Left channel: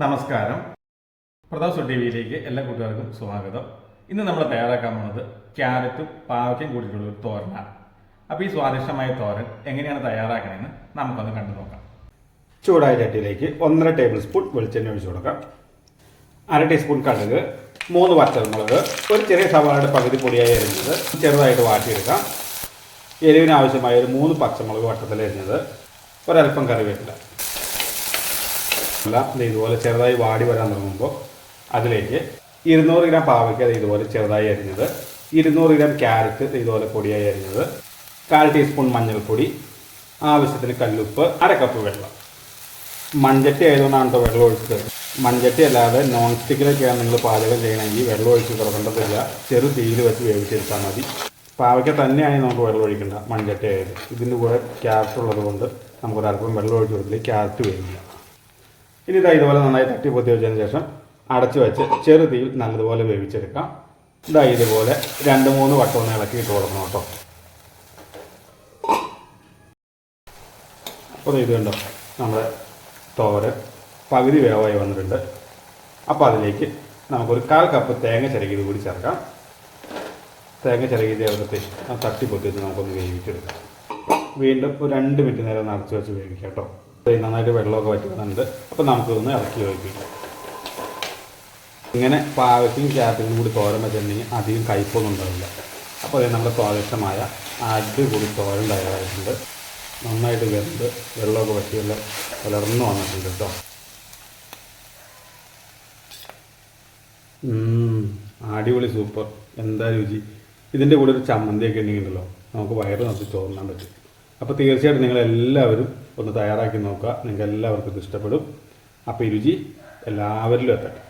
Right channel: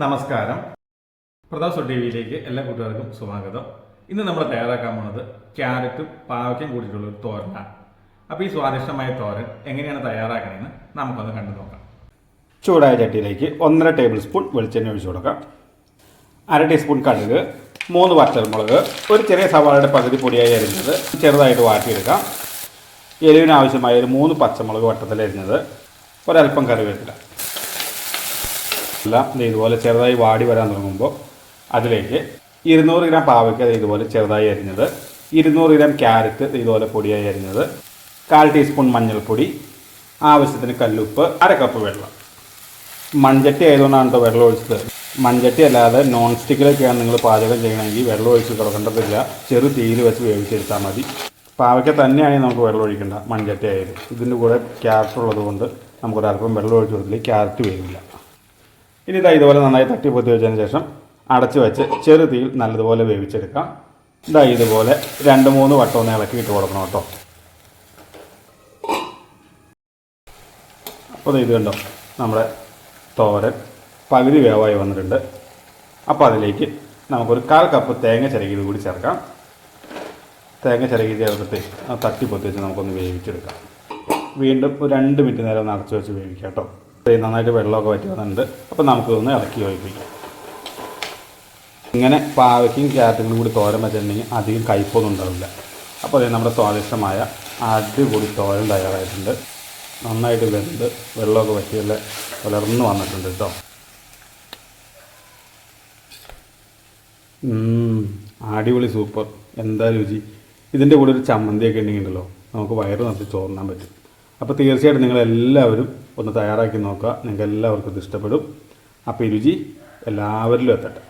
നമസ്കാരം. Pratap so T വിയിലേക്ക് എല്ലാ കൂട്ടുകാർക്കും സ്വാഗതം. ഇന്ന് നമ്മൾ തയ്യാറാക്കാൻ പോണത് ക്യാരറ്റും പാവയ്ക്കും കൂടിയിട്ടുള്ള ഒരു തോരനാണ്. അപ്പോൾ ഈ സ്വാദിഷ്ടമായ തോരൻ എങ്ങനെയാണ് തയ്യാറാക്കണമെന്ന് നമുക്കൊന്ന് കണ്ടു നോക്കാം. ചൂടായ ചട്ടിയിലേക്ക് ഒന്നര ടേബിൾ സ്പൂൺ വെളിച്ചെണ്ണ ഒഴിച്ചു കൊടുക്കാം. അര ടീസ്പൂൺ കടുക് മൂന്ന് വറ്റൽമുളക് ഒരു ചെറിയ സവാളയുടെ പകുതി പൊടിയായി അരിഞ്ഞത് ചെറുതായിട്ട് വാട്ടിയെടുക്കാം. എരിവിനാവശ്യമായ ഒരു മൂന്ന് പച്ചമുളക് വട്ടത്തിൽ അരിഞ്ഞത്. ഒരൽപ്പം കറിവേപ്പില. എല്ലാം ഇതുപോലെ ചെറുതായി വാടി വരാൻ തുടങ്ങുമ്പോൾ അതിലേക്ക് ഇരുന്നൂറ് ഗ്രാം പാവയ്ക്ക ഇതുപോലെ ചെറുതായി അരിഞ്ഞത് ഇരുന്നൂറ് ഗ്രാം ക്യാരറ്റ് ഇതുപോലെ പൊടിയായി അരിഞ്ഞത് കാൽ ടീസ്പൂൺ മഞ്ഞൾപ്പൊടി ആവശ്യത്തിന് കല്ലുപ്പ് അര കപ്പ് വെള്ളം. മൺചട്ടി ആയതുകൊണ്ടാണ് കേട്ടോ വെള്ളം ഒഴിച്ചത്. മൺചട്ടി അല്ലാതെ നോൺ സ്റ്റിക്കിലൊക്കെയാണ് നിങ്ങൾ പാചകം ചെയ്യണമെങ്കിൽ വെള്ളം ഒഴിച്ച് തുടങ്ങേണ്ടതില്ല ചെറു തീയിൽ വെച്ച് വേവിച്ചെടുത്താൽ മതി. പാവയ്ക്ക തന്നെയാണെങ്കിൽ നമുക്ക് വെള്ളം ഒഴിക്കണ്ട മൺചട്ടി ആയത്. ഇതിന്റെ കൂടെ ക്യാരറ്റ് ഉള്ളത് കൊണ്ട് നമുക്കൊരു അല്പം വെള്ളം ഒഴിച്ച് കൊടുത്തില്ല ക്യാരറ്റ് വരില്ല ഇനി ഇതാ ഇതുപോലെ നന്നായി തട്ടി പൊത്തി വെച്ചതിന് ശേഷം അടച്ചു വെച്ച് ചെറു തീയിൽ നല്ലതുപോലെ വേവിച്ചെടുക്കാം. ഇതാ ഇതുപോലെ രണ്ട് മൂന്ന് വട്ടം ഒന്ന് ഇളക്കി ഇട്ട് കൊടുക്കണം കേട്ടോ. അപ്പോൾ ഇത് കണ്ടോ? നമ്മുടെ തോരൻ പകുതി വേവായി വന്നിട്ടുണ്ട്. അപ്പോൾ അതിലേക്ക് നമുക്കൊരു കാൽ കപ്പ് തേങ്ങ ചിരകിയത് കൂടി ചേർക്കാം. തേങ്ങ ചിരകി ചേർത്തിട്ട് ആ തട്ടി പൊത്തി വെച്ച് നമുക്കൊന്ന് വേവിച്ചെടുക്കാം. വീണ്ടും ഒരു രണ്ട് മിനിറ്റ് നേരം ഒന്ന് അടച്ചു വെച്ച് വേവിക്കാം കേട്ടോ. നന്നായിട്ട് വെള്ളമൊക്കെ വറ്റി വന്നിട്ടുണ്ട് അപ്പോൾ നമുക്കൊന്ന് ഇറക്കി ഒഴിപ്പിക്കാം. ഇങ്ങനെ പാവയ്ക്കും ക്യാരറ്റുകളും കൂടി തോരൻ വെച്ചിട്ടുണ്ടെങ്കിൽ അധികം കയ്പൊന്നും ഉണ്ടാവില്ല. അപ്പോൾ അതേ നമ്മുടെ സ്വാദിഷ്ടമായ അടിപൊളി തോരൻ തയ്യാറായിട്ടുണ്ട്. നന്നായിട്ട് വെന്ത് വെള്ളമൊക്കെ വറ്റിയല്ല വളർന്നു വന്നിട്ടുണ്ട് കേട്ടോ. അടിപൊളി സൂപ്പർ. എന്താ രുചി? ഇതിന്റെ കൂടെ ഒരു ചമ്മന്തിയൊക്കെ ഉണ്ടല്ലോ. നമുക്ക് വയറ് നിറച്ച് ചോറിനാൻ പറ്റും. അപ്പോൾ തീർച്ചയായിട്ടും നിങ്ങളെല്ലാവരും ഒന്ന് തയ്യാറാക്കി നോക്കുക. നിങ്ങൾക്ക് എല്ലാവർക്കും ഇത് ഇഷ്ടപ്പെടും. അപ്പോൾ ഈ രുചി എല്ലാവരിലും എത്തട്ടെ.